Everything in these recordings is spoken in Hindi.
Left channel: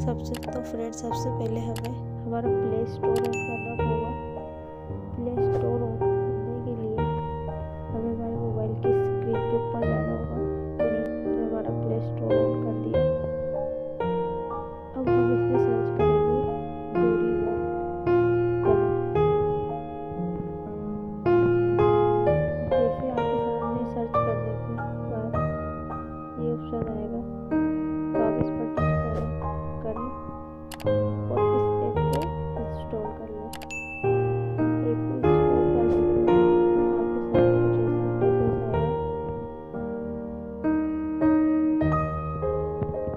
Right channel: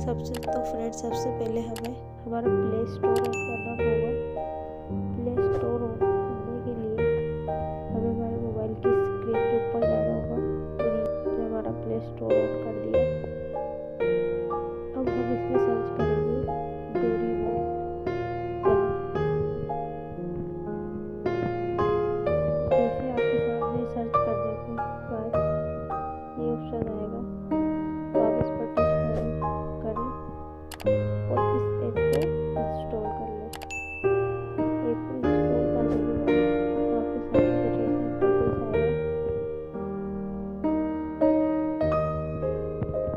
सबसे पहले हमें हमारा प्ले स्टोर ऑन करना होगा। प्ले स्टोर ऑन करने के लिए हमें हमारे मोबाइल की स्क्रीन के ऊपर जाना होगा और ये हमारा प्ले स्टोर ऑन कर दिया। अब हम इसमें सर्च करेंगे डोरेमोन कलर। जैसे आपके सामने सर्च करने के बाद ये ऑप्शन आएगा तो आप इस पर टच करें और इस ऐप को इंस्टॉल कर लें। ऐप को इंस्टॉल करने के बाद आपके सामने कुछ ऐसा इंटरफेस आएगा।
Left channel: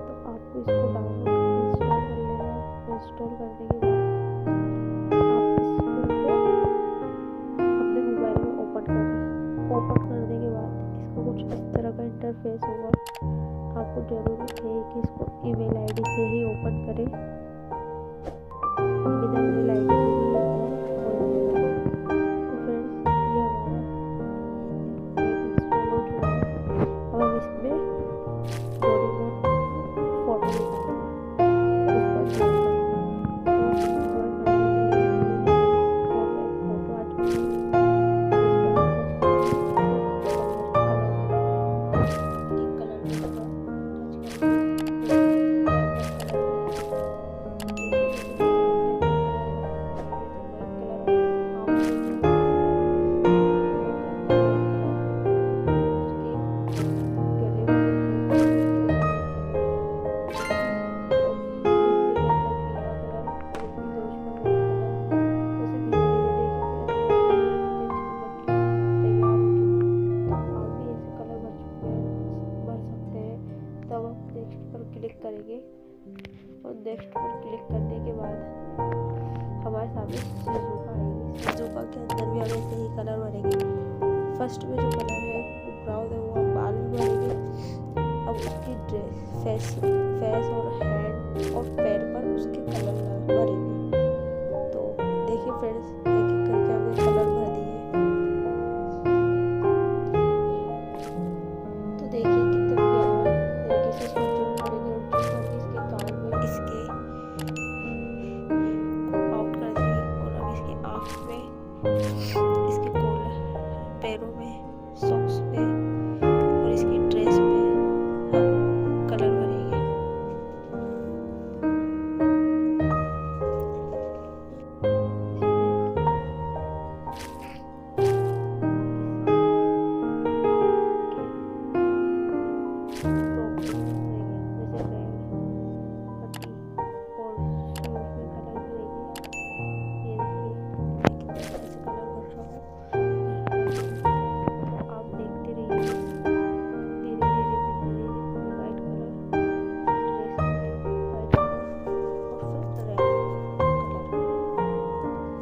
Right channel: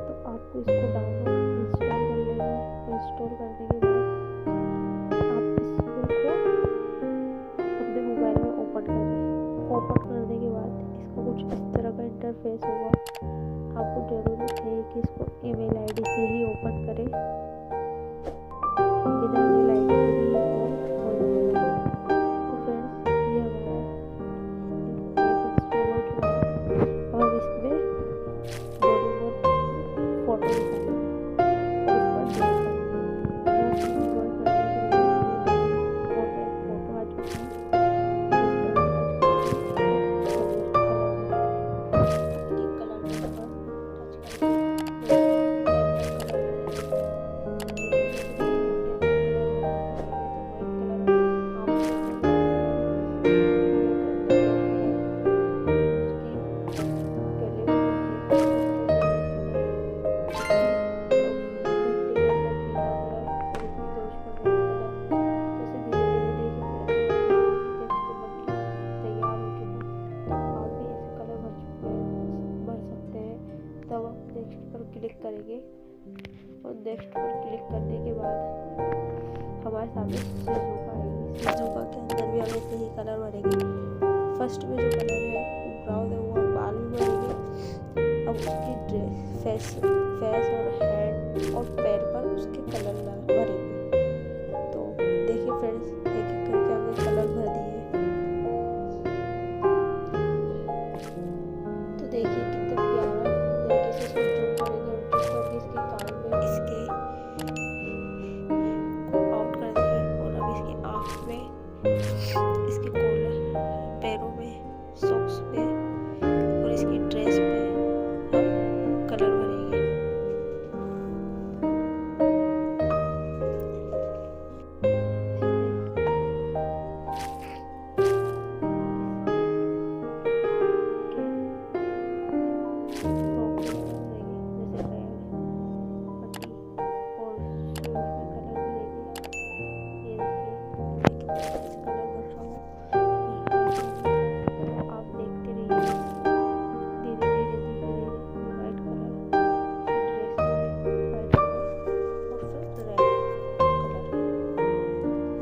तो आपको इसको डाउनलोड इंस्टॉल कर लेना है। इंस्टॉल करने के बाद आप इसको अपने मोबाइल में ओपन करें। ओपन करने के बाद इसका कुछ इस तरह का इंटरफेस होगा। आपको ज़रूरत है कि इसको ईमेल आईडी से ही ओपन करें। बिना ईमेल आईडी के भी ये ऑन हो जाएगा। तो फ्रेंड्स, ये हमारा ऐप इंस्टॉल हो चुका है। अब हम इसमें डोरेमोन फोटो निकालेंगे और उस पर ड्रॉ करेंगे। तो ड्रॉ करने के लिए और एक फोटो आ चुकी है। इस पर तब हम नेक्स्ट पर क्लिक करेंगे और नेक्स्ट पर क्लिक करने के बाद हमारे सामने शिजुका आएगी। शिजुका के अंदर भी हम ऐसे ही कलर भरेंगे। फर्स्ट में जो कलर है वो ब्राउन है, वो हम बाल में भरेंगे। अब उसकी ड्रेस, फेस और हैंड और पैर पर उसके कलर भरेंगे। तो देखिए फ्रेंड्स, एक एक करके हमने कलर भर दिए। तो देखिए कितना प्यारा तरीके से इसको जूम करेंगे और जूम करके इसके कान में इसके आउट कर देंगे। और अब इसके आँख में, इसके कॉलर, पैरों में, सॉक्स पे और इसकी ड्रेस पे हम कलर भरेंगे।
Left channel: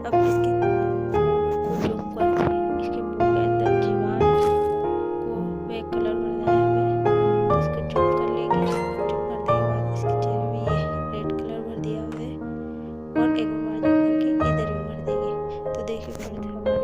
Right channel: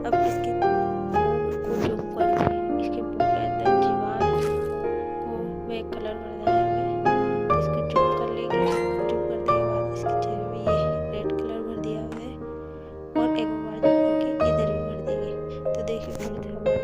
अब इसके मुंह को जूम करके इसके मुंह के अंदर दीवार को में कलर भरना है हमें। तो इसको जूम कर लेंगे। जूम करने के बाद इसके चेहरे में ये रेड कलर भर दिया हुआ है और एक बार जूम करके इधर भी भर देंगे। तो देखिए फ्रेंड्स, हमारा